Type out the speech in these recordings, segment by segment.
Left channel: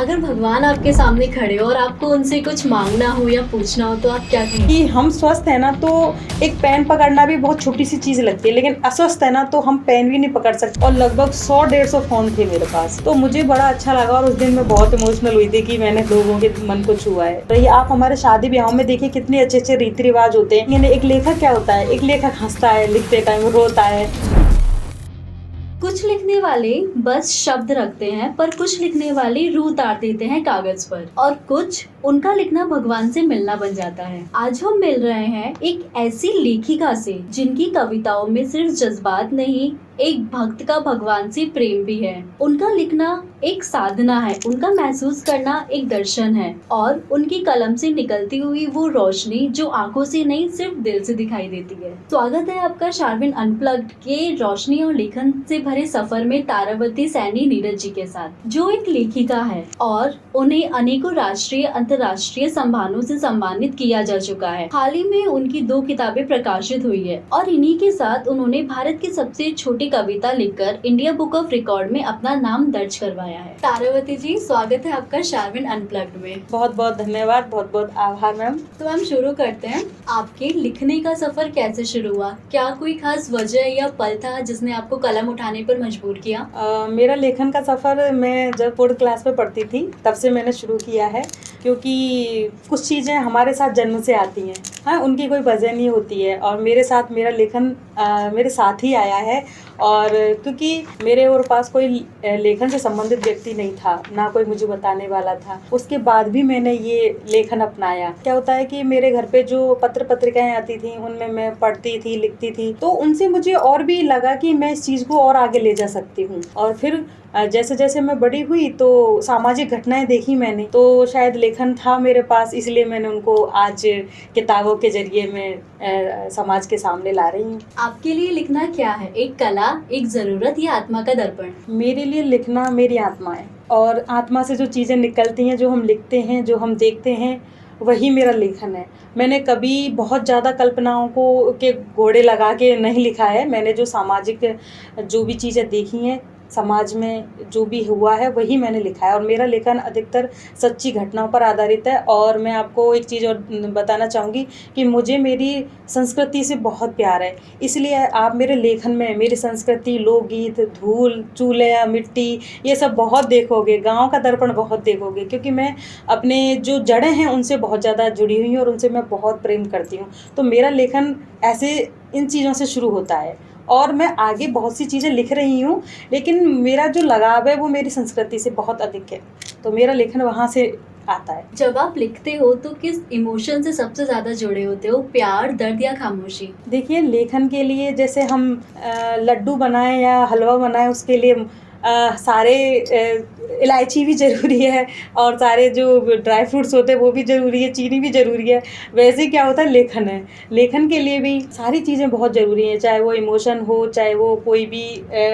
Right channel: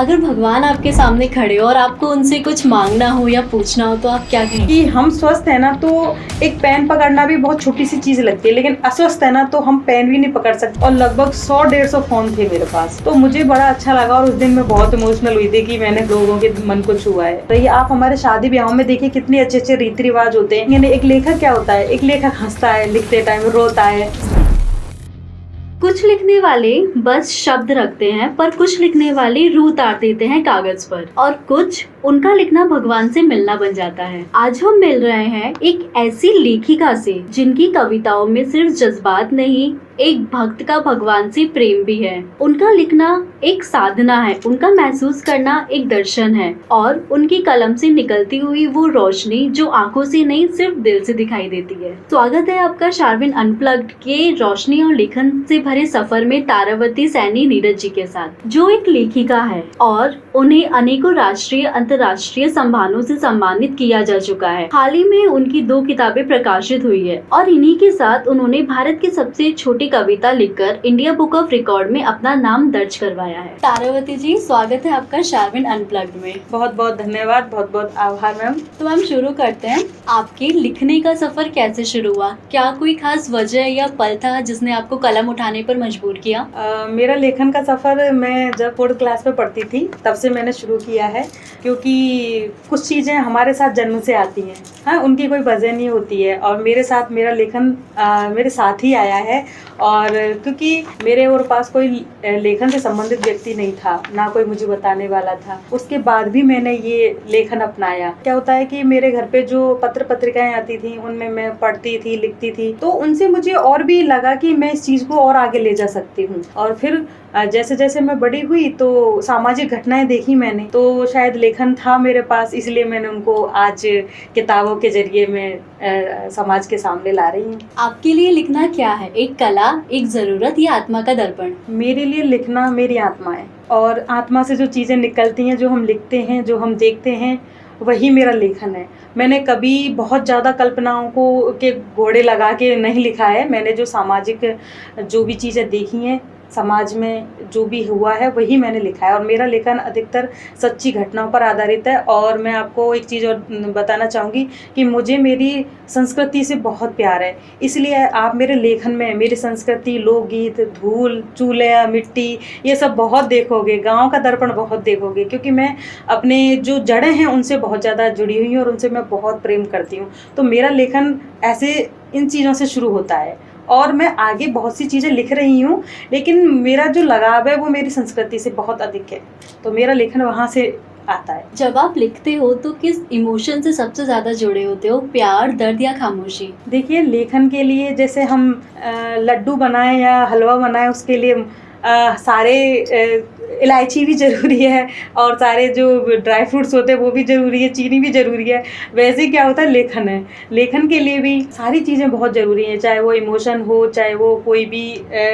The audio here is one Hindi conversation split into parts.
अगर भगवान आपके सामने खड़े हो और आपको उनसे कुछ मांगना हो या पूछना हो तो आप क्या कहेंगे? कि हम स्वस्थ है ना, तो एक पेन पकड़ना भी बहुत छोटी सी चीज लगती है, लेकिन अस्वस्थ है ना तो हम पेन भी नहीं पकड़ सकते। और लगभग 100-150 फोन थे मेरे पास, तो मुझे बड़ा अच्छा लगा और उस दिन मैं बहुत इमोशनल हुई थी कि मैंने लोगों के मन को छुआ है। तो ये आप हमारे शादी ब्याह में देखिए कितने अच्छे अच्छे रीति रिवाज होते हैं। एक लेखक क्या होता है, एक लेखक हंसता है, लिखते टाइम रोता है। कुछ लिखने वाले बस शब्द रखते हैं, पर कुछ लिखने वाले रूह उतार देते हैं कागज पर, और कुछ उनका लिखना भगवान से मिलना बन जाता है। आज हम मिल रहे हैं एक ऐसी लेखिका से जिनकी कविताओं में सिर्फ जज्बात नहीं, एक भक्त का भगवान से प्रेम भी है। उनका लिखना एक साधना है, उनका महसूस करना एक दर्शन है, और उनकी कलम से निकलती हुई वो रोशनी जो आंखों से नहीं सिर्फ दिल से दिखाई देती है। स्वागत है आपका शारविन अनप्लग्ड के रोशनी और लेखन से भरे सफर में तारावती सैनी नीरज जी के साथ, जो एक लेखिका है और उन्हें अनेकों राष्ट्रीय अंतर्राष्ट्रीय सम्मानों से सम्मानित किया जा चुका है। हाल ही में उनकी 2 किताबें प्रकाशित हुई है और इन्हीं के साथ उन्होंने भारत की सबसे छोटी कविता लिखकर इंडिया बुक ऑफ रिकॉर्ड में अपना नाम दर्ज करवाया है। तारावती जी, स्वागत है आपका शारविन अनप्लग्ड में। बहुत बहुत धन्यवाद, बहुत बहुत आभार मैम। तो हम शुरू करते हैं। आपके लिखने का सफर कैसे शुरू हुआ? क्या कोई खास वजह या पल था जिसने आपको कलम उठाने पर मजबूर किया? मेरा लेखन का सफ़र मैं जब 4th क्लास में पढ़ती थी तब से मैंने शुरू किया है, क्योंकि कुछ चीज़ें हमारे साथ जन्म से आती हैं, हाँ, उनकी कोई वजह नहीं होती है। और मेरे साथ मेरा लेखन मेरे साथ ही आया है। और क्योंकि मेरे और पास कोई लेखन से संबंधित व्यक्ति नहीं था, ना कोई मुझे बताने वाला था, उसके बाद भी मैंने ये लेखन अपनाया। क्या होता है कि मेरे घर पे जो पत्र पत्रिकाएं आती थी उनमें मैं पढ़ती थी, लिखती थी, तो उनसे मुझे और भी लगा कि मैं इस चीज़ को और आगे ले जा सकती हूँ। और फिर जैसे जैसे मैं बड़ी हुई तो सामाजिक घटनाएं देखी मैंने, तो शायद लेखन था मेरे पास, इसलिए मैंने उनको आज किताबों के जरिए मैं समाज के सामने ला रही हूँ। आपके लिए लिखना क्या है? एक कला, एक जरूरत या आत्मा का दर्पण? मेरे लिए लिखना मेरी आत्मा है, और आत्मा से जो चीज़ें निकलती हैं, जो हम लिखते हैं, जो हम देखते हैं, वही मेरा लेखन है। मैंने कभी बहुत ज़्यादा कल्पनाओं को के घोड़े लगा के नहीं लिखा है। मैंने जो सामाजिक जो भी चीज़ें देखी हैं, समाज में जो भी हुआ है, वही मैंने लिखा है। और मेरा लेखन अधिकतर सच्ची घटनाओं पर आधारित है। और मैं आपको एक चीज़ और बताना चाहूँगी कि मुझे मेरी संस्कृति से बहुत प्यार है, इसलिए आप मेरे लेखन में मेरी संस्कृति, लोकगीत, धूल, चूल्हा, मिट्टी, ये सब बहुत देखोगे। गाँव का दर्पण बहुत देखोगे, क्योंकि मैं अपने जो जड़ें हैं उनसे बहुत ज़्यादा जुड़ी हुई हूँ और उनसे मैं बहुत प्रेम करती हूँ। तो मेरा लेखन ऐसे इन चीज़ों से शुरू होता है, और मैं आगे बहुत सी चीज़ें लिख रही हूँ, लेकिन मेरा जो लगाव है वो मेरी संस्कृति से बहुत अधिक है, तो मेरा लेखन वहाँ से आता है। जब आप लिखते हो तो किस इमोशन से सबसे ज्यादा जुड़े होते हो? प्यार, दर्द या खामोशी? देखिए, लेखन के लिए जैसे हम लड्डू बनाए या हलवा बनाए, उसके लिए सारे इलायची भी ज़रूरी है, और सारे जो ड्राई फ्रूट्स होते हैं वो भी ज़रूरी है, चीनी भी ज़रूरी है। वैसे ही क्या होता है, लेखन है, लेखन के लिए भी सारी चीज़ें बहुत ज़रूरी हैं, चाहे वो इमोशन हो, चाहे वो कोई भी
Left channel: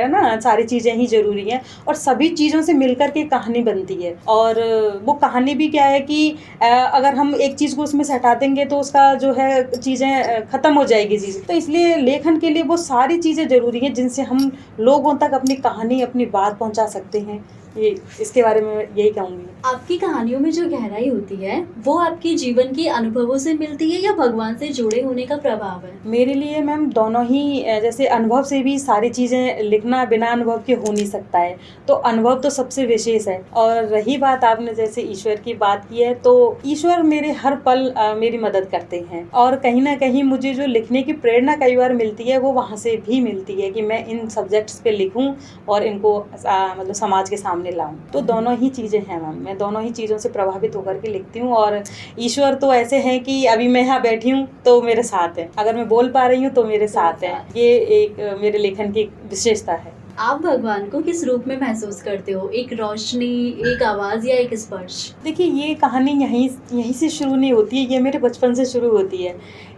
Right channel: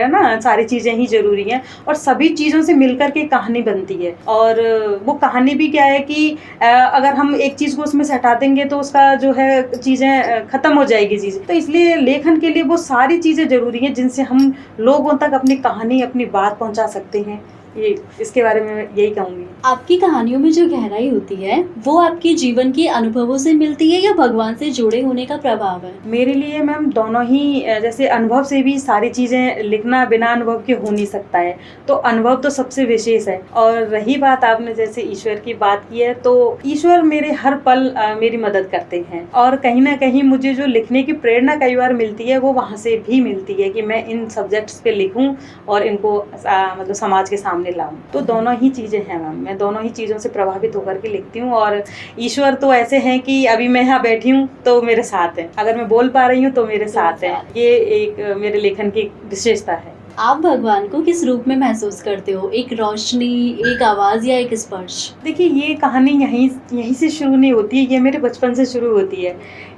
ना, सारी चीज़ें ही ज़रूरी हैं। और सभी चीज़ों से मिलकर के कहानी बनती है। और वो कहानी भी क्या है कि अगर हम एक चीज़ को उसमें से हटा देंगे तो उसका जो है चीज़ें ख़त्म हो जाएगी चीज़ें। तो इसलिए लेखन के लिए वो सारी चीज़ें ज़रूरी हैं जिनसे हम लोगों तक अपनी कहानी, अपनी बात पहुंचा सकते हैं। ये इसके बारे में यही कहूँगी। आपकी कहानियों में जो गहराई होती है वो आपके जीवन के अनुभवों से मिलती है या भगवान से जुड़े होने का प्रभाव है? मेरे लिए मैम दोनों ही, जैसे अनुभव से भी सारी चीज़ें लिखना बिना अनुभव के हो नहीं सकता है, तो अनुभव तो सबसे विशेष है। और रही बात आपने जैसे ईश्वर की बात की है, तो ईश्वर मेरे हर पल मेरी मदद करते हैं, और कहीं ना कहीं मुझे जो लिखने की प्रेरणा कई बार मिलती है वो वहाँ से भी मिलती है कि मैं इन सब्जेक्ट्स पे लिखूँ और इनको मतलब समाज के सामने लाऊं। तो दोनों ही चीज़ें हैं मैम, मैं दोनों ही चीज़ों से प्रभावित होकर के लिखती हूँ। और ईश्वर तो ऐसे हैं कि अभी मैं यहाँ बैठी हूँ तो मेरे साथ है, अगर मैं बोल पा रही हूँ तो मेरे साथ है। ये एक मेरे लेखन की विशेषता है। आप भगवान को किस रूप में महसूस करते हो? एक रोशनी, एक आवाज या एक स्पर्श? देखिए, ये कहानी यहीं से शुरू नहीं होती है, ये मेरे बचपन से शुरू होती है,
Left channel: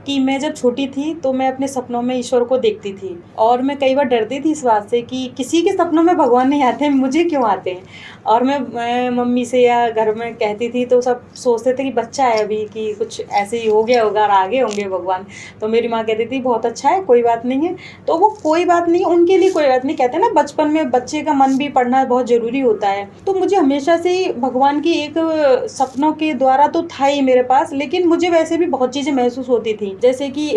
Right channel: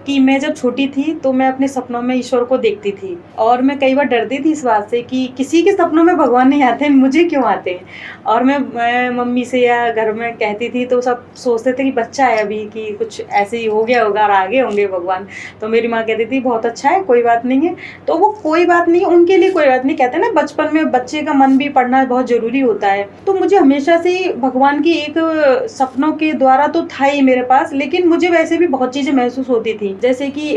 कि मैं जब छोटी थी तो मैं अपने सपनों में ईश्वर को देखती थी, और मैं कई बार डरती थी इस बात से कि किसी के सपनों में भगवान नहीं आते, मुझे क्यों आते हैं। और मैं मम्मी से या घर में कहती थी तो सब सोचते थे कि बच्चा है अभी, कि कुछ ऐसे ही हो गया होगा और आगे होंगे भगवान। तो मेरी माँ कहती थी बहुत अच्छा है, कोई बात नहीं है। तो वो कोई बात नहीं, उनके लिए कोई बात नहीं, कहते हैं ना बचपन में बच्चे का मन भी पढ़ना बहुत ज़रूरी होता है। तो मुझे हमेशा से ही भगवान की एक सपनों के द्वारा तो था ही मेरे पास, लेकिन मुझे वैसे भी बहुत चीज़ें महसूस होती थी, जैसे कि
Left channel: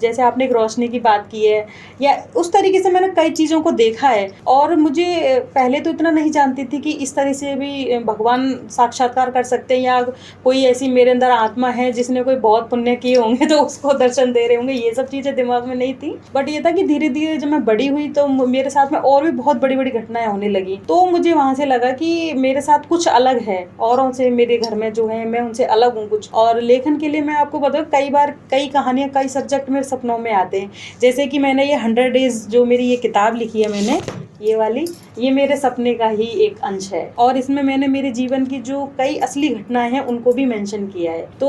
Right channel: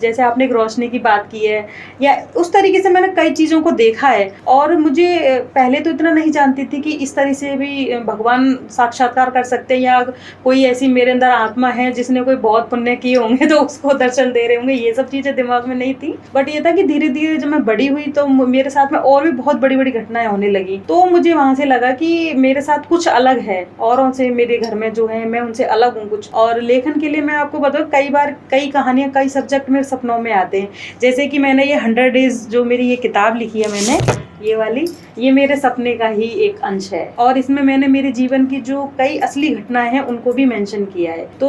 जैसे आपने एक रोशनी की बात की है, या उस तरीके से मैंने कई चीज़ों को देखा है। और मुझे पहले तो इतना नहीं जानती थी कि इस तरह से भी भगवान साक्षात्कार कर सकते हैं, या कोई ऐसी मेरे अंदर आत्मा है जिसने कोई बहुत पुण्य किए होंगे तो उसको दर्शन दे रहे होंगे, ये सब चीज़ें दिमाग में नहीं थी। बट ये था कि धीरे धीरे जब मैं बड़ी हुई तो मेरे साथ में और भी बहुत बड़ी बड़ी घटनाएं होने लगी। तो मुझे वहाँ से लगा कि मेरे साथ कुछ अलग है औरों से, मेरे घर में जो है मैं उनसे अलग हूँ कुछ। और लेखन के लिए मैं आपको बताऊँ, कई बार कई कहानियाँ, कई सब्जेक्ट मेरे सपनों में आते हैं। जैसे कि मैंने ये 100 डेज जो मेरी ये किताब लिखी है मैंने, ये वाली, ये मेरे सपने का ही एक अंश है। और इसमें मैंने मेरे जीवन की जो कई असली घटनाएं हैं उनको भी मेंशन किया है। तो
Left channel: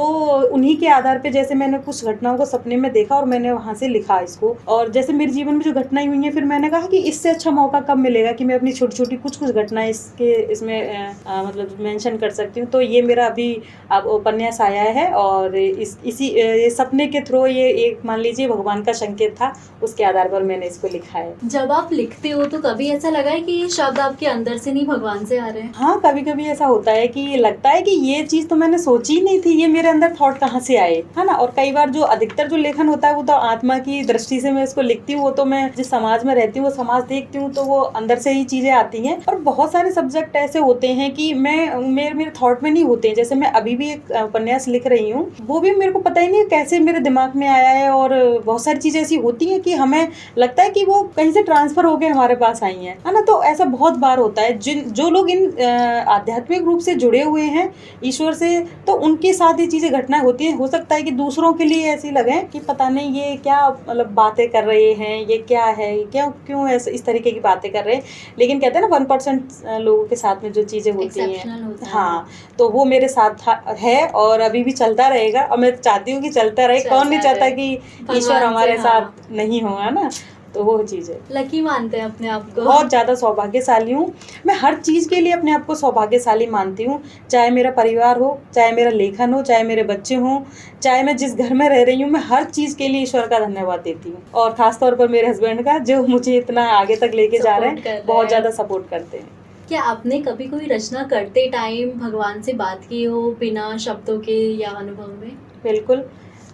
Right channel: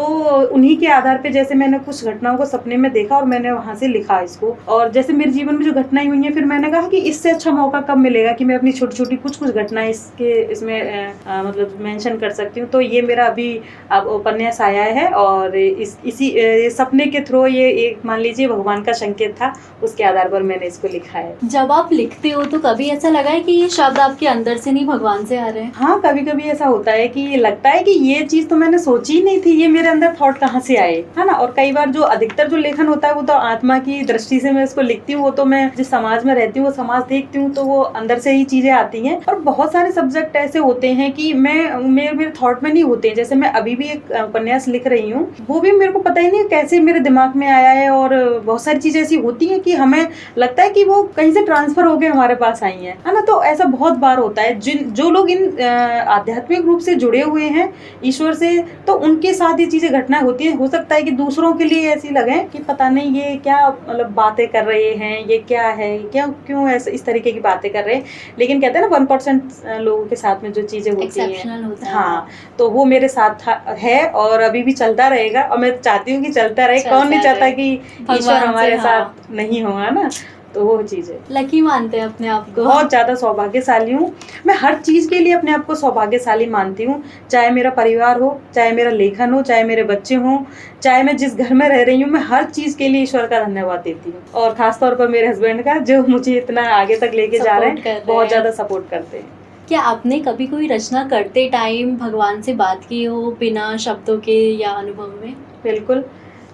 उन्हीं के आधार पे जैसे मैंने कुछ घटनाओं को सपने में देखा और मैंने वहां से लिखा इसको। और जैसे मेरे जीवन में जो घटनाएं हुई हैं, फिर मैंने कहा कि इससे अच्छा मौका कब मिलेगा कि मैं अपनी छोटी छोटी कुछ घटनाएं इसमें मतलब मेंशन कर सकती हूँ। तो ये मेरा अभी अब उपन्यास आया है, और इसी सपने के थ्रू ये एक मान लीजिए भगवान का संकेत था, उसके आधार पर मैंने इसको लिखा है। जब आप लिखते हो तो कभी ऐसा लगा है कि ये शब्द आपके अंदर से नहीं भगवान से आ रहे हैं? हाँ, कभी कभी ऐसा होता है कि लगता है कि ये चीज तो मैंने सोची ही नहीं थी, ये मेरे अंदर थॉट कहाँ से आए, है ना। और कई बार जो अधिकतर जो लेखन होता है वो तो आत्मा की दृष्टि से मैं इसको लिखती हूँ, वो तो मैं जिस समाज में रहती हूँ वो समाज देखती हूँ, तो वो अंदर से ही चीजें आती हैं। और बहुत सारे सब्जेक्ट ऐसे होते हैं कि मेरे थॉट में नहीं होते हैं। जैसे मैं अभी भी एक उपन्यास लिख रही हूँ, वो भी मेरे को पता ही नहीं कैसे मेरे दिमाग में आया है। और बहुत सारी चीजें ऐसी होती हैं कि हमें लगता है कि वो कहीं से ट्रांसफर होकर हमारे पास आई है ना। तो ऐसा बहुत बार होता है। जो लोग इन आध्यात्मिक रूप से जुड़े हुए हैं ईश्वर से, तो उनके साथ ये चीजें घटना होती है। हो सकता है कि दूसरों के लिए ऐसी लगे कि पता नहीं ये क्या मतलब बातें कर रहे हैं, ये क्या है, क्यों ऐसे इस तरीके की बातें कर रहे हैं। लेकिन कहते हैं ना 1% लोगों के साथ में जो चीजें होती हैं, हाँ, तो वो मेरे साथ है और अभी भी चलता रहेगा। और मैं चाहती हूँ कि चलता रहे। कौन नहीं चाहता कि ईश्वर हमारे साथ नहीं होगा ना। तो वो चीज़ है। लकी मानते हैं अपने आप को? बहुत ज़्यादा सौभाग्यशाली हूँ मैं। हर चीज़ के लिए अपने आप को सौभाग्यशाली मानती हूँ। चाहे मेरा परिवार हो, चाहे मेरा लेखन हो, चाहे मेरे बच्चे हों, चाहे मैं जिस घर में रह रही हूँ, मैं हर चीज़ के लिए ईश्वर का धन्यवाद देती हूँ। और ख़ासतौर पर मेरे हस्बैंड का, जो मुझे इतना आगे तक लेके जा रहे हैं, बहुत ज़्यादा सपोर्ट करते हैं। क्या आपने कभी कोई रचना करते टाइम भगवान से बात की हो बिना शब्दों के या अनुभव में? बिल्कुल।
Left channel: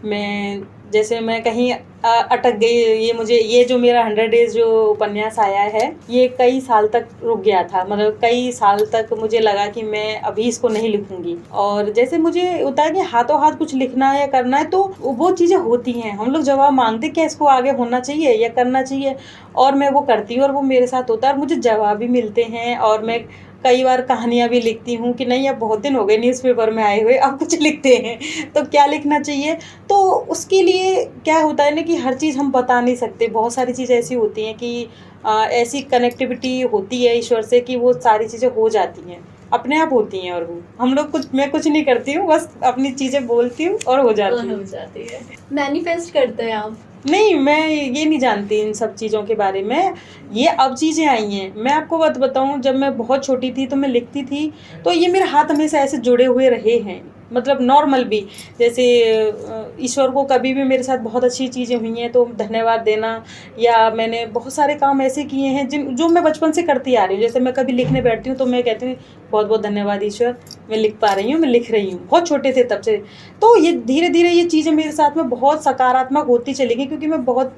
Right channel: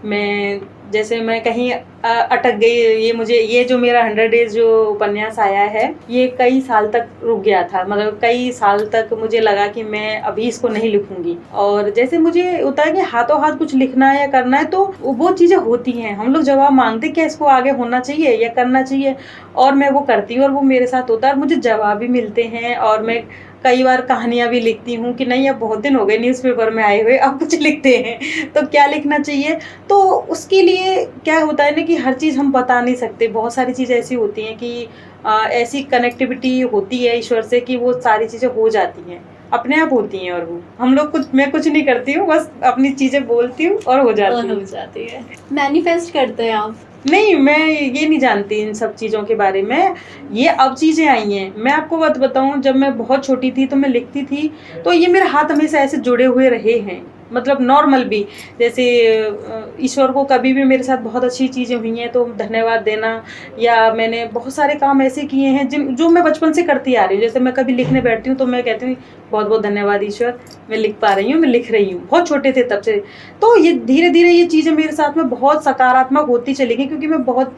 मैं कहीं अटक गई, ये जो मेरा 100 डेज जो उपन्यास आया है, ये कई साल तक रुक गया था। मतलब कई साल तक मुझे लगा कि मैं अभी इसको नहीं लिखूंगी। और जैसे मुझे होता है कि हाथों हाथ कुछ लिखना है या करना है, तो वो चीज़ें होती हैं। हम लोग जवाब मांगते क्या इसको आगे होना चाहिए या करना चाहिए, और मैं वो करती हूँ और वो मेरे साथ होता है और मुझे जवाब भी मिलते हैं। और मैं कई बार कहानियाँ भी लिखती हूँ कि नहीं अब बहुत दिन हो गए न्यूज़पेपर में आए हुए, अब कुछ लिखते हैं, तो क्या लिखना चाहिए। तो उसके लिए क्या होता है ना कि हर चीज़ हम बता नहीं सकते। बहुत सारी चीज़ें ऐसी होती हैं कि ऐसी कनेक्टिविटी होती है ईश्वर से कि वो सारी चीज़ें हो जाती हैं, अपने आप होती हैं। और वो हम लोग मैं कुछ नहीं करती हूँ, बस अपनी चीज़ें बोलती हूँ और हो जाती है। मैनिफेस्ट करते हैं आप? नहीं, मैं ये नहीं जानती इन सब चीज़ों के बारे में। ये अब चीज़ें आई हैं। मैं आपको बात बताऊँ, जब मैं बहुत छोटी थी तो मैं लिखती थी, तो ये मेरे हाथ हमेशा ऐसे जुड़े हुए रहे हैं। मतलब नॉर्मल भी, जैसे ईश्वर को कभी भी मेरे साथ बहुत अच्छी चीज़ें हुई हैं तो धन्यवाद देना, या मैंने बहुत सारे काम ऐसे किए हैं जो मैं बचपन से करती आ रही हूँ। जैसे मैं कभी लिखने बैठती हूँ तो मैं कहती हूँ बहुत बहुत धन्यवाद ईश्वर, मैं लिख पा रही हूँ, मैं लिख रही हूँ। बहुत छोटे थे तब से। तो ये धीरे धीरे ये चीज़ें मेरे साथ में बहुत सकारात्मक होती चली गई, क्योंकि मैं बहुत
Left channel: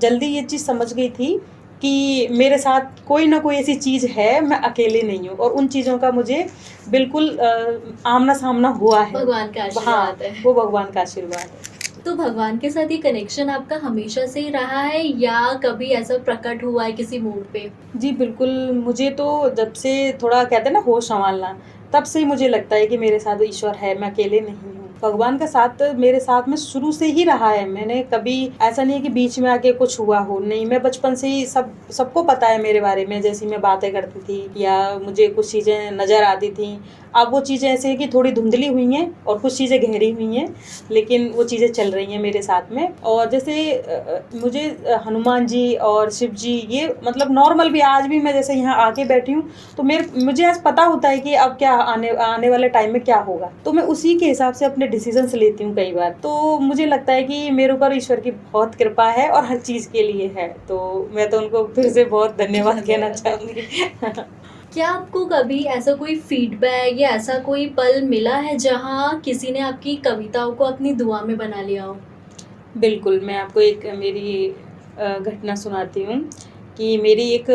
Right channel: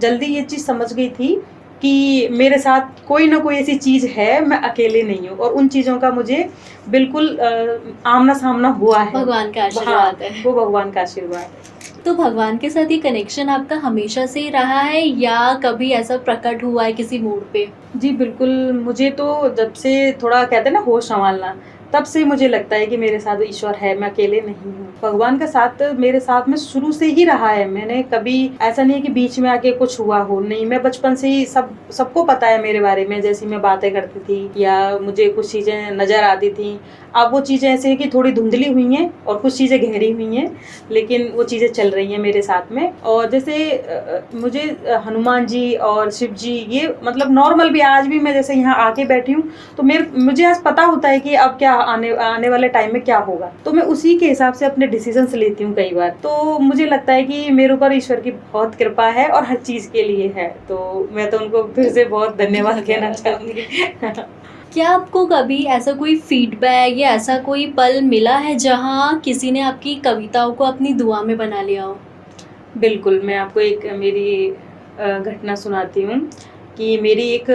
जल्दी ये चीज़ समझ गई थी कि मेरे साथ कोई ना कोई ऐसी चीज़ है, मैं अकेले नहीं हूँ। और उन चीज़ों का मुझे बिल्कुल आमना सामना हुआ है। भगवान का आशीर्वाद है। वो भगवान का आशीर्वाद है। तो भगवान के साथ ये कनेक्शन आपका हमेशा से ही रहा है या कभी ऐसा प्रकट हुआ है किसी मूड पे? जी बिल्कुल। मुझे तो जब से थोड़ा कहते हैं ना होश संभालना, तब से मुझे लगता है कि मेरे साथ ईश्वर है, मैं अकेले नहीं हूँ। भगवान का साथ मेरे साथ में शुरू से ही रहा है। मैंने कभी ऐसा नहीं है कि बीच में आके कुछ हुआ हो, नहीं, मैं बचपन से ही सबको पता है मेरे बारे में, जैसी मैं बातें करती थी या मुझे कुछ चीज़ें नज़र आती थी। अब वो चीज़ें ऐसे हैं कि थोड़ी धुंधली हुई हैं और कुछ चीज़ें गहरी हुई हैं, लेकिन वो चीज़ें चल रही हैं मेरे साथ में। और जैसे मुझे हनुमान जी और शिव जी ये मतलब नॉर्मल भी, आज भी मैं जैसे यहाँ आके बैठी हूँ तो मुझे आज पता होता है कि अब क्या आने वाले टाइम में क्या होगा, तो मैं उसी के हिसाब से अपने डिसीजंस लेती हूँ कई बार। तो मुझे लगता है कि मेरे ऊपर ईश्वर की बहुत कृपा है और हर चीज़ के लिए है, तो मैं तो उनको फिर से बहुत धन्यवाद कहना चाहूँगी। क्या आपको कभी ऐसा कोई फीडबैक या ऐसा कोई पल मिला है जहाँ किसी ने आपकी कविताओं को अपनी दुआ में बना लिया हो? बिल्कुल, मैं आपको एक मेरी घटना सुनाती हूँ कि मेरी एक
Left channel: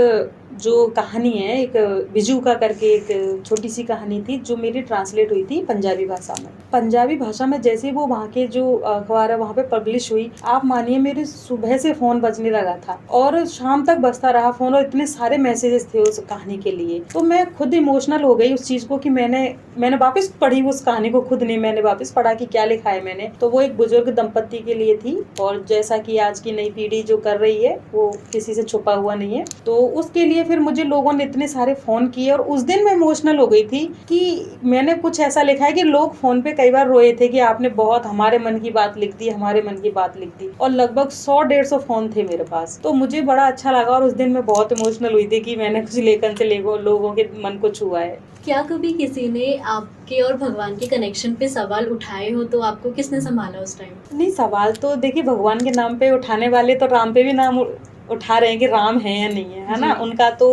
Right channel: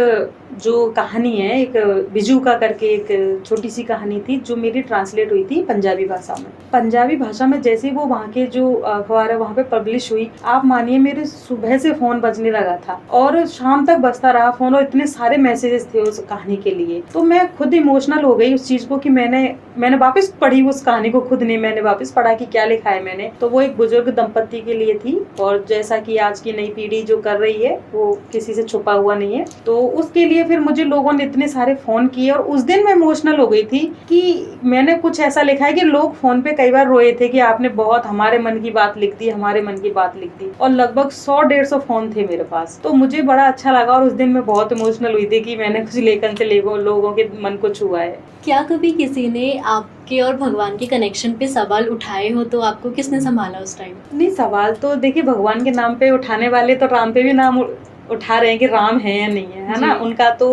जो कहानी है, एक बिजू का करके एक छोटी सी कहानी थी जो मेरी ट्रांसलेट हुई थी पंजाबी भाषा में। पंजाबी भाषा में जैसे ही वो वहाँ के जो अखबार है वहाँ पे पब्लिश हुई, आप मानिए मेरे सुबह से फ़ोन बजने लगा था और शाम तक बजता रहा फ़ोन, और इतने सारे मैसेजेस थे उस कहानी के लिए। तो मैं खुद इमोशनल हो गई उस चीज़ को कि मैंने वापस पढ़ी उस कहानी को, खुद नहीं, मैंने वापस पढ़ा कि क्या लिखा है मैंने। तो वो एक बुजुर्ग दंपत्ति के लिए थी, और जैसा कि आज की नई पीढ़ी जो कर रही है वो किसी से छुपा हुआ नहीं है, तो उसके लिए फिर मुझे लोगों ने इतने सारे फ़ोन किए और उस दिन मैं इमोशनल हो गई थी कि मैंने कुछ ऐसा लिखा है कि लोग फ़ोन पे कई बार रोए थे कि आपने बहुत हमारे मन की बात लिख दी, हमारे मन की बात लिख दी, और लगभग 100-150 फ़ोन थे मेरे पास। तो मुझे बड़ा अच्छा लगा और उस दिन मैं बहुत इमोशनल हुई थी कि मैंने कुछ लेखन से लोगों के मन को छुआ है। क्या कभी किसी ने आपके और भगवान के कनेक्शन पे सवाल उठाए हो तो आपको किसने संभाला उस टाइम? नहीं, सवाल तो देखिए भगवान के नाम पे उठाने वाले तो राम पे भी नाम उठा रहे हैं कि राम है या नहीं है ना। जी। उनका तो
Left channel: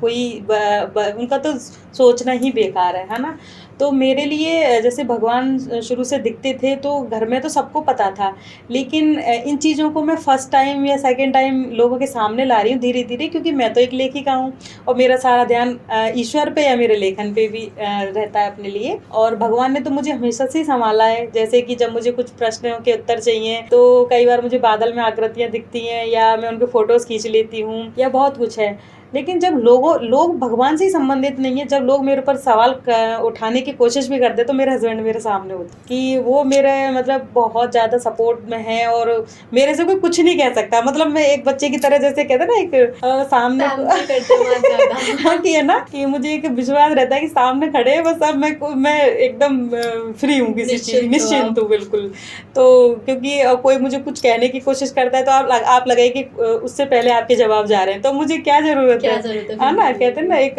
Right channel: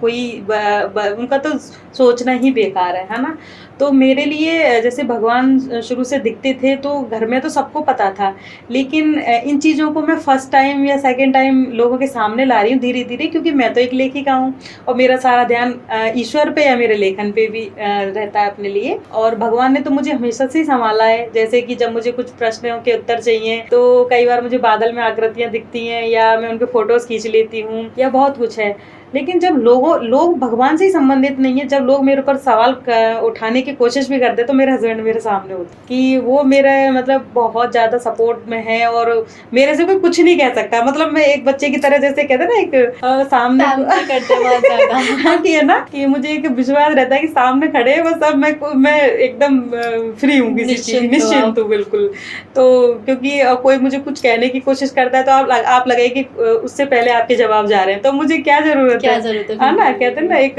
कोई उनका तो सोचना ही बेकार है ना। तो मेरे लिए जैसे भगवान शुरू से दिखते थे तो घर में तो सबको पता था, लेकिन इन चीज़ों को मैं फर्स्ट टाइम या सेकंड टाइम लोगों के सामने ला रही हूँ धीरे धीरे, क्योंकि मैं तो एक लेखिका हूँ और मेरा सारा ध्यान ईश्वर पे या मेरे लेखन पे भी रहता है अपने लिए। और भगवान ने तो मुझे हमेशा से ही संभाला है, जैसे कि जब मुझे कुछ प्रश्नों के उत्तर चाहिए तो कई बार मुझे बादल में आकृतियाँ दिखती हैं या मैं उनके फोटोज़ खींच लेती हूँ या बहुत कुछ है। लेकिन जब लोग भगवान से ही संबंधित नहीं है, जब लोग मेरे ऊपर सवाल उठाने की कोशिश भी करते तो मेरे हस्बैंड मेरे सामने होते कि वो मेरे मतलब बहुत ज़्यादा सपोर्ट में है और मेरे से कोई कुछ नहीं कह सकता। मतलब मैं एक बच्चे की तरह, जैसे कहते हैं ना एक सामने करते बहुत ज़्यादा कि है ना कि मुझे एक विश्वास रहता है कि सामने खड़े हैं बस, अब मैं एकदम फ्री हूँ किसी चीज़, निश्चिंत हूँ बिल्कुल। तो क्योंकि कोई मुझे कुछ कहने की कोशिश करता है तो आप लगाइए कि उससे पहले आपके जवाब जा रहे हैं, तो मुझे क्या ज़रूरत क्या है ज़रूरत है है ना। फिर कहते हैं ना एक,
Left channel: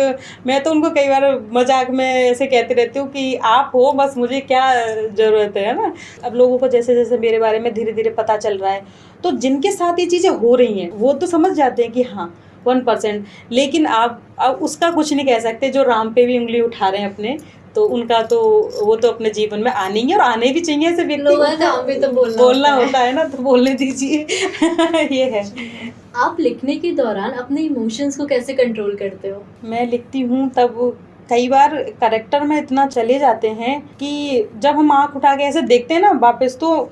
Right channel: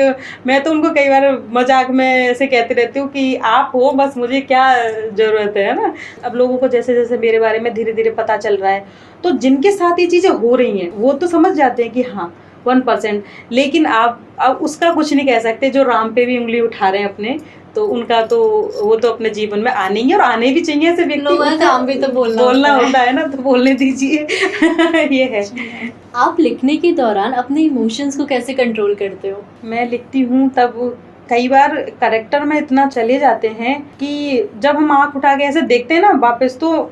मैं तो उनको कई बार मजाक में ऐसे कहती रहती हूँ कि आप हो बस, मुझे क्या ज़रूरत है ना। अब लोगों को जैसे जैसे मेरे बारे में धीरे धीरे पता चल रहा है, तो जिनके साथ ये चीज़ें हो रही हैं वो तो समझ जाते हैं कि हाँ 1%, लेकिन आप अब उसका कुछ नहीं कह सकते। जो राम पे भी उंगली उठा रहे हैं अपने, तो उनका तो वो तो अपने जीवन में आने ही और आने भी चाहिए। ऐसे व्यक्ति लोगों का काम भी तो बोलना होता है ना, तो बोलने दीजिए। ये है। आप लिखने के दौरान अपने इमोशंस को कैसे कंट्रोल करते हो? मैं लिखती हूँ तब कई बार कैरेक्टर में इतना चले जाते हैं कि जब हम आँख उठा के ऐसे देखते हैं ना वापस, तो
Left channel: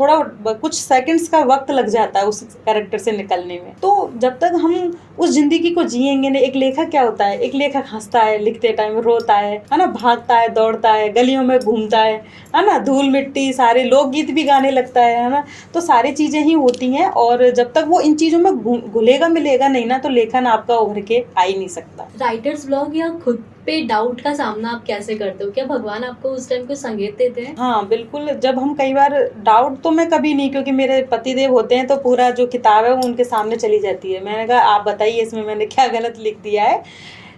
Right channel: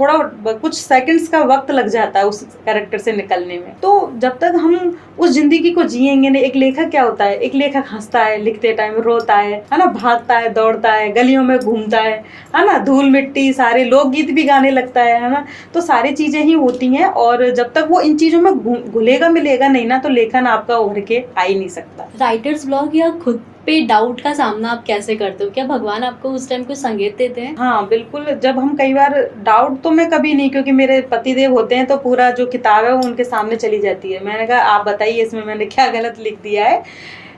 थोड़ा कुछ सेकंड्स का वक्त लग जाता है उस कैरेक्टर से निकलने में। तो जब तक हम उस जिंदगी को जिएंगे नहीं, एक लेखक क्या होता है, एक लेखक हंसता है लिखते टाइम, रोता है ना, भागता है, दौड़ता है, गलियों में घूमता है ना, धूल मिट्टी सारे लोकगीत भी गाने लगता है ना। तो सारी चीजें ही होती हैं, और जब तक वो इन चीजों में घुलेगा मिलेगा नहीं ना, तो लेखन आपका उभर के आ ही नहीं सकता। राइटर्स ब्लॉग या खुद पे डाउट का सामना आप कैसे करते हो? क्या भगवान आपको उस टाइम कोई संकेत देते हैं? हाँ बिल्कुल, जब हम कई बार डाउट तो मैं कभी नहीं, क्योंकि मेरे पतिदेव होते हैं तो पूरा जो किताब है वो उनके सामने चली जाती है। मैंने कहा आप बताइए इसमें मैंने क्या गलत लिख दिया है।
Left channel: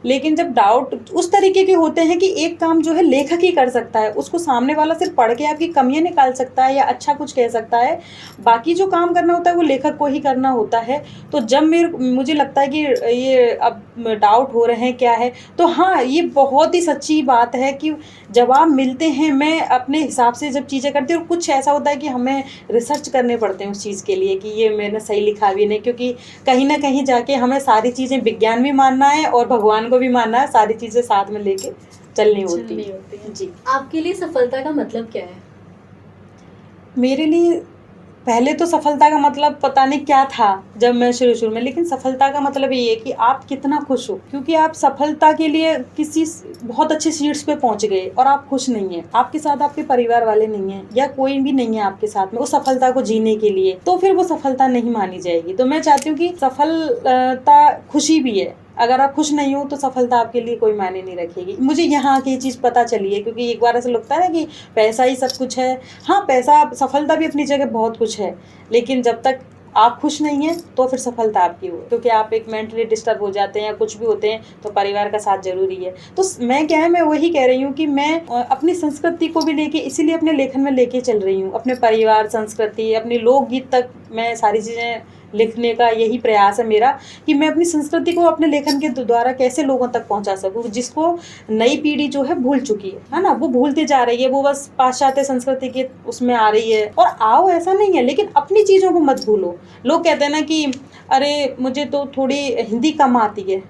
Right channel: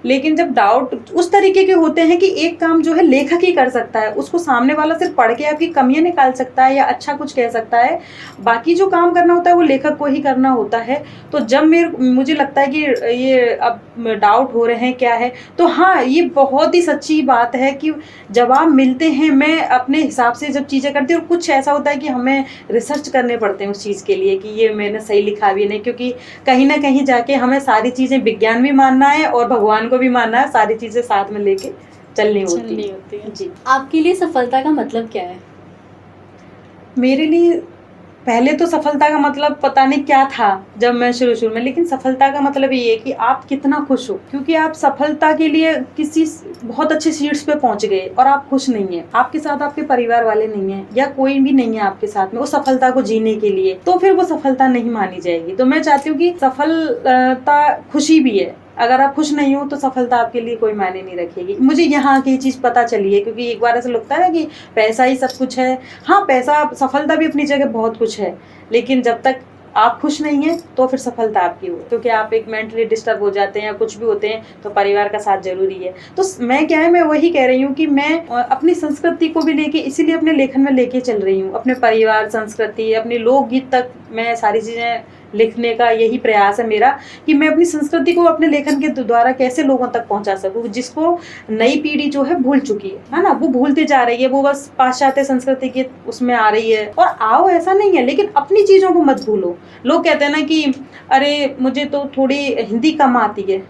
लेकिन जब डाउट उस तरीके के होते हैं कि एक काम जो है लेखक ही कर सकता है, उसको सामने वाला सिर्फ पढ़ के आपकी कमियां निकाल सकता है या अच्छा कुछ कह सकता है, बाकी जो काम करना होता है वो लेखक को ही करना होता है। तो जब मुझे लगता है कि ये अब डाउट हो रहे हैं क्या है, तो हाँ ये बहुत ही सच्ची बात है कि जवाब मिलते हैं। मैं अपने हिसाब से जब चीज़ें करती हूँ, कुछ ऐसा होता है कि हमें रिसर्च करने पड़ते हैं उस चीज़ के लिए कि ये मैंने सही लिखा भी नहीं, क्योंकि कहीं ना कहीं जाके हमें सारी चीज़ें विज्ञान भी मानना है और भगवान को भी मानना है, सारी चीज़ें साथ में लेके चलनी होती है। जी, आपके लिए सफलता का मतलब क्या है? मेरे लिए पहले तो सफलता का मतलब पता नहीं क्या था जब मैं शुरू में, लेकिन सफलता का मतलब ये है कि आप कितना खुश हो, क्योंकि आप सफलता के लिए किसी बहुत अच्छे सीट्स पे पहुंच गए और आप खुश नहीं है, आपके साथ आपके परिवार वाले नहीं है या कोई भी नहीं है आपके साथ में उस सफलता को जीने के लिए, तो फिर वो सफलता नहीं मानी जाएगी। तो मैं चाहती हूँ कि सफलता खुशी भी है, अगर आप खुश नहीं हो तो सफलता आपके लिए कोई मायने नहीं रखेगी। मुझे यहाँ की चीज़ पता चली है, क्योंकि एक बार ऐसा लगता है ना कि पैसा ही सब कुछ है। हाँ, पैसा, सफलता भी अपनी जगह बहुत कुछ है, लेकिन जब तक आप खुश नहीं हैं तो फिर सफलता आपकी हो, क्योंकि आप एक मेंटली डिस्टर्ब हो जाते हैं या कुछ भी होते हैं तो परिवार का साथ जरूरी है। तो मैं क्या है, मैं वही कह रही हूँ कि मैं अपनी संस्कृति को भी लेके इसीलिए अपने लेखन में लेके चल रही हूँ। अपने परिवार, संस्कृति, अपने लोकगीत तक मैं सारी चीज़ें लिखने का यही प्रयास है मेरा, कि मैं अपनी संस्कृति को अपने लेखन के द्वारा कैसे लोगों तक पहुंचा सकूं, जिसको नई पीढ़ी जो है भूल चुकी है ना, वो भूलते जा रही है, वो बस पाश्चात्य संस्कृति के उसमें आ रही है। और आओ, ऐसा नहीं है, लेकिन अपनी चीज़ों को मत भूलो। लोग कहते हैं ना कि अरे मुझे तो थोड़ी हिंदी कम आती है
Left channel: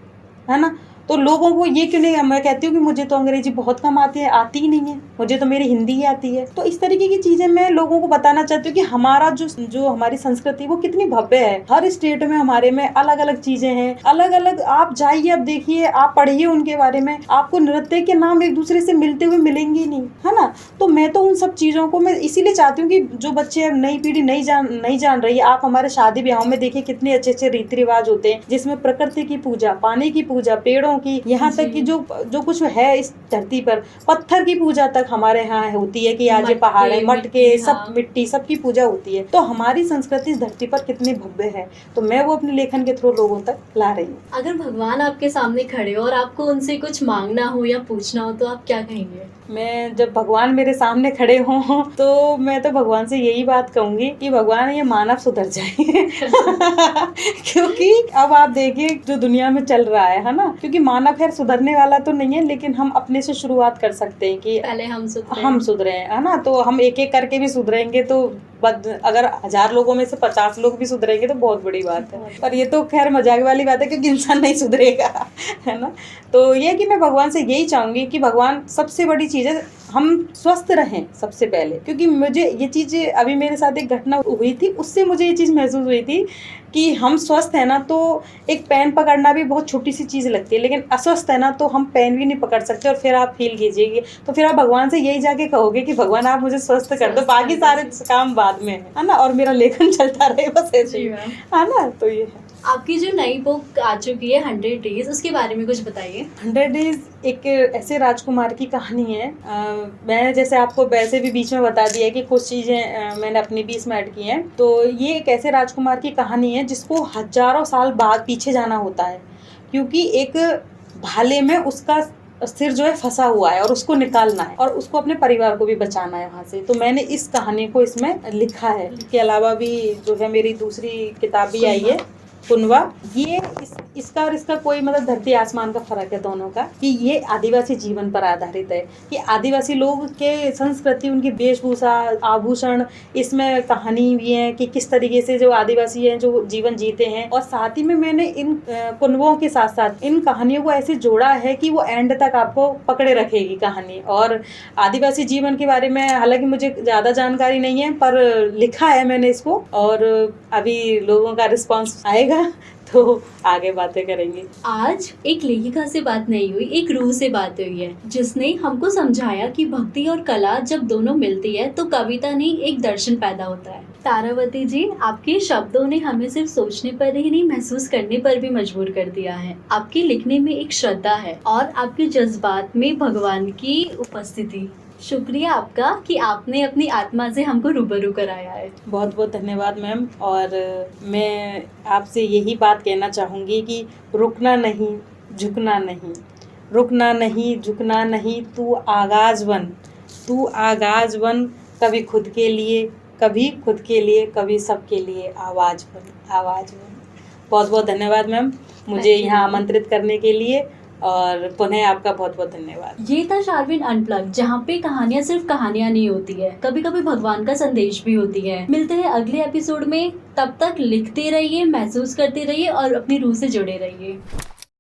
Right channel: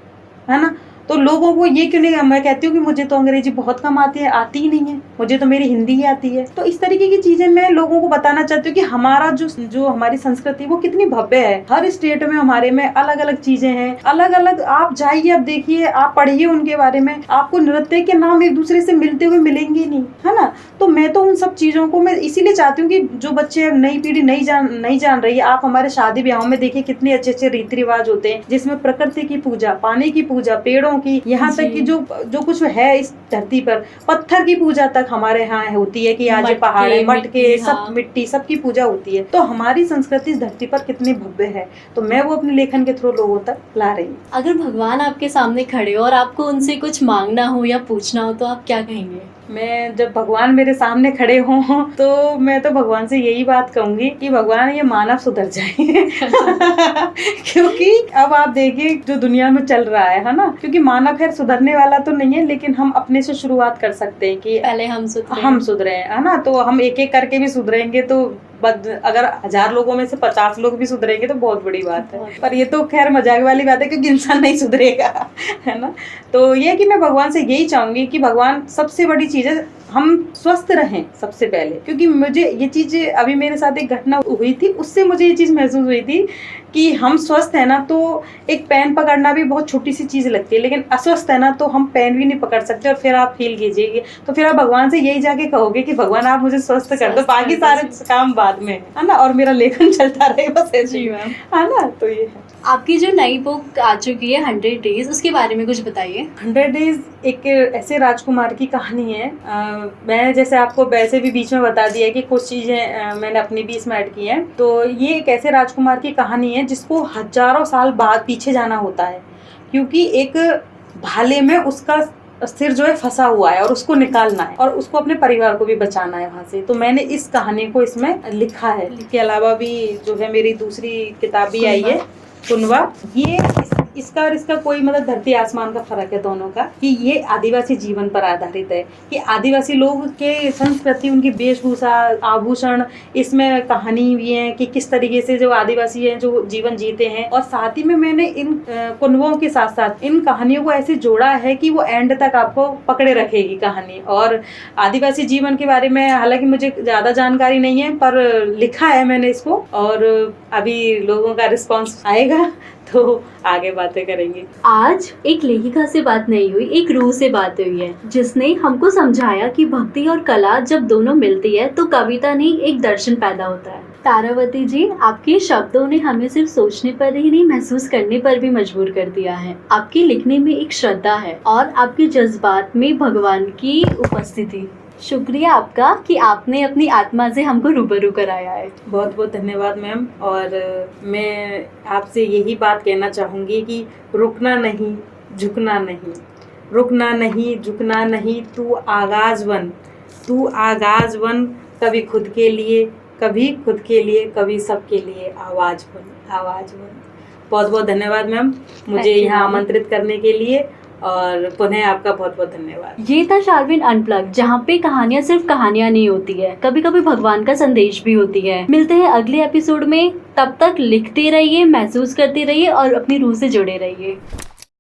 ना, तो लोगों को ये क्यों नहीं, मैं कहती हूँ कि मुझे तो अंग्रेजी बहुत कम आती है, आती ही नहीं है, मुझे तो मेरी हिंदी ही आती है। तो इस तरीके की चीजें मैं लोगों को बताना चाहती हूँ कि हमारा जो हमारी संस्कृति वो कितनी भव्य है। हर स्टेट में हमारे में अलग अलग चीजें हैं, अलग अलग। आप जाइए, आप देखिए, आप पढ़िए उनके बारे में, आपको नृत्य के नाम एक दूसरे से मिलते हुए मिलेंगे नहीं, है ना। तो मैं तो उन सब चीजों को मैं इसीलिए चाहती हूँ कि जो बच्चे, नई पीढ़ी नहीं जान रही है, आप हमारे शादी ब्याहों में देखिए कितने अच्छे अच्छे रीति रिवाज होते हैं, जिसमें प्रकृति की पूजा, पानी की पूजा, पेड़ों की, यहाँ तक कि जो कुछ है इस धरती पर, पत्थर की पूजा तक हमारे यहाँ होती है, कि आज पहाड़ है, मटके, सब मिट्टी, सबकी पूजा होती है। तो हमारी संस्कृति इस धरती पर कितनी भव्य है, तो मैं वो अपने लेखन के थ्रू लोगों तक ला रही हूँ। अगर भगवान आपके सामने खड़े हो और आपको उनसे कुछ मांगना हो या पूछना हो तो आप क्या कहेंगे? मैं जब भगवान मेरे सामने खड़े हों तो मैं तो भगवान से यही बात कहूंगी कि भगवान, ये मानव सुधर जाए क्योंकि अब आप देखिए जो दुनिया में चल रहा है ना, क्योंकि मानव खैर सुधरने वाला तो नहीं है, लेकिन हम अपने से शुरुआत कर सकते हैं कि पहले हम सुधरे, है ना। तो हम एक एक करके भी सुधरेंगे तो अगर 1000 लोगों में से 50 लोग भी सुधरेंगे तो बहुत बड़ी बात है। पर ये तो खैर मजाक वाली बात है, क्योंकि इंसान नहीं सुधरेगा, है ना। तो ये कि मैं भगवान से यही चाहूंगी कि भगवान, सबसे बड़ी चीज है हम स्वस्थ रहें सबसे पहले, क्योंकि मुझे ये चीज, अभी मेरे साथ एक घटना हुई थी, उससे मुझे ये चीज महसूस हुई थी कि हम स्वस्थ है ना, तो एक पेन पकड़ना भी बहुत छोटी सी चीज लगती है, लेकिन अस्वस्थ है ना तो हम पेन भी नहीं पकड़ सकते। और फिर आप फील कीजिएगा, तो फिर आप भगवान से यही जाके कहोगे कि भगवान आप मुझे स्वस्थ कर दो, बाकी सारे काम बाद में, है ना, और मेरा लेखन चलता रहे बस ऐसे ही, है ना। तो ये है। आपकी जो नई बुक आ चुकी है 100 डेज, उसके बारे में कुछ बताइए। 100 डेज एक ऐसे राजकुमार की कहानी है। मैं जैसे आपको वैसे भी बीच में बता दिया कि कुछ चीज़ें मैंने अपनी भी इसमें ऐड की हैं। तो ये एक ऐसे राजकुमार की कहानी है जिसको हजारों साल बाद पीछे जाना होता है, क्योंकि एक भाले में उसका सिर जो है फंसा हुआ है और उसको निकालना है और उसको अपने परिवार को भी बचाना है वहाँ से। तो मैंने इस कहानी को इसमें लिखा है। इसके अलावा भी जो है मेरी दूसरी किताब भी आई है, कुनवा। ये इसका और इसका कोई मतलब धरती आसमान का फर्क है दोनों का, कि ये आदिवासी जीवन पर आधारित है, कि आदिवासी लोग के संस्कृति, उनकी वेशभूषा, आभूषण, इसमें कहानी भी है कि किस तरीके से जो आदिवासी हैं जो जीवन जीते हैं। और साथ ही में मैंने इन कुनवों के साथ साथ इन कहानियों को ऐसे जोड़ा है कि वो एंड तक आपको पकड़े रखेगी कहानी। और आदिवासी जीवन के बारे में हालांकि मुझे ज़्यादा जानकारी नहीं है, पर लिखा है मैंने इसको, और अभी लोगों का रिस्पॉन्स आएगा तो आगे बातें करेंगे। आज एक लेखिका से बात नहीं हुई, एक रूह से बात हुई है, जिसने हमको समझाया कि भक्ति और कला जब दोनों मिलती है तो कविता नहीं, एक दर्शन पैदा होता है। तारावती जी, आपके शब्दों ने हमें सिर्फ सोचने पर ही नहीं, महसूस करने पर भी मजबूर कर दिया है। आपके लिखने में एक श्रद्धा है और आपके जज्बात में भगवान की उपस्थिति। शुक्रिया आपका कि आपने अपनी आत्मा से हमको रूबरू कराया है। बहुत बहुत धन्यवाद मैम। और मैं आपसे यही बात कहना चाहूँगी कि रुकना नहीं, झुकना नहीं, रुकना नहीं, झुकना नहीं, तू आगाज बन, तू आगाज बन, कभी खुद के लिए, कभी खुद के लिए, कभी सबके लिए आवाज़ बन, आवाज़ बन। बहुत बहुत धन्यवाद मैम मुझे यहाँ आमंत्रित करने के लिए, और पुनः आपका बहुत बहुत धन्यवाद। ये था शारविन अनप्लग, जहाँ पे कहानियाँ सिर्फ कहानियाँ नहीं होती है, कभी कभी भगवान का संदेश भी होती है। मिलते हैं अगले एपिसोड में, तब तक लिखते रहिए, महसूस करते रहिए और अपनी रूह से जुड़े रहिए।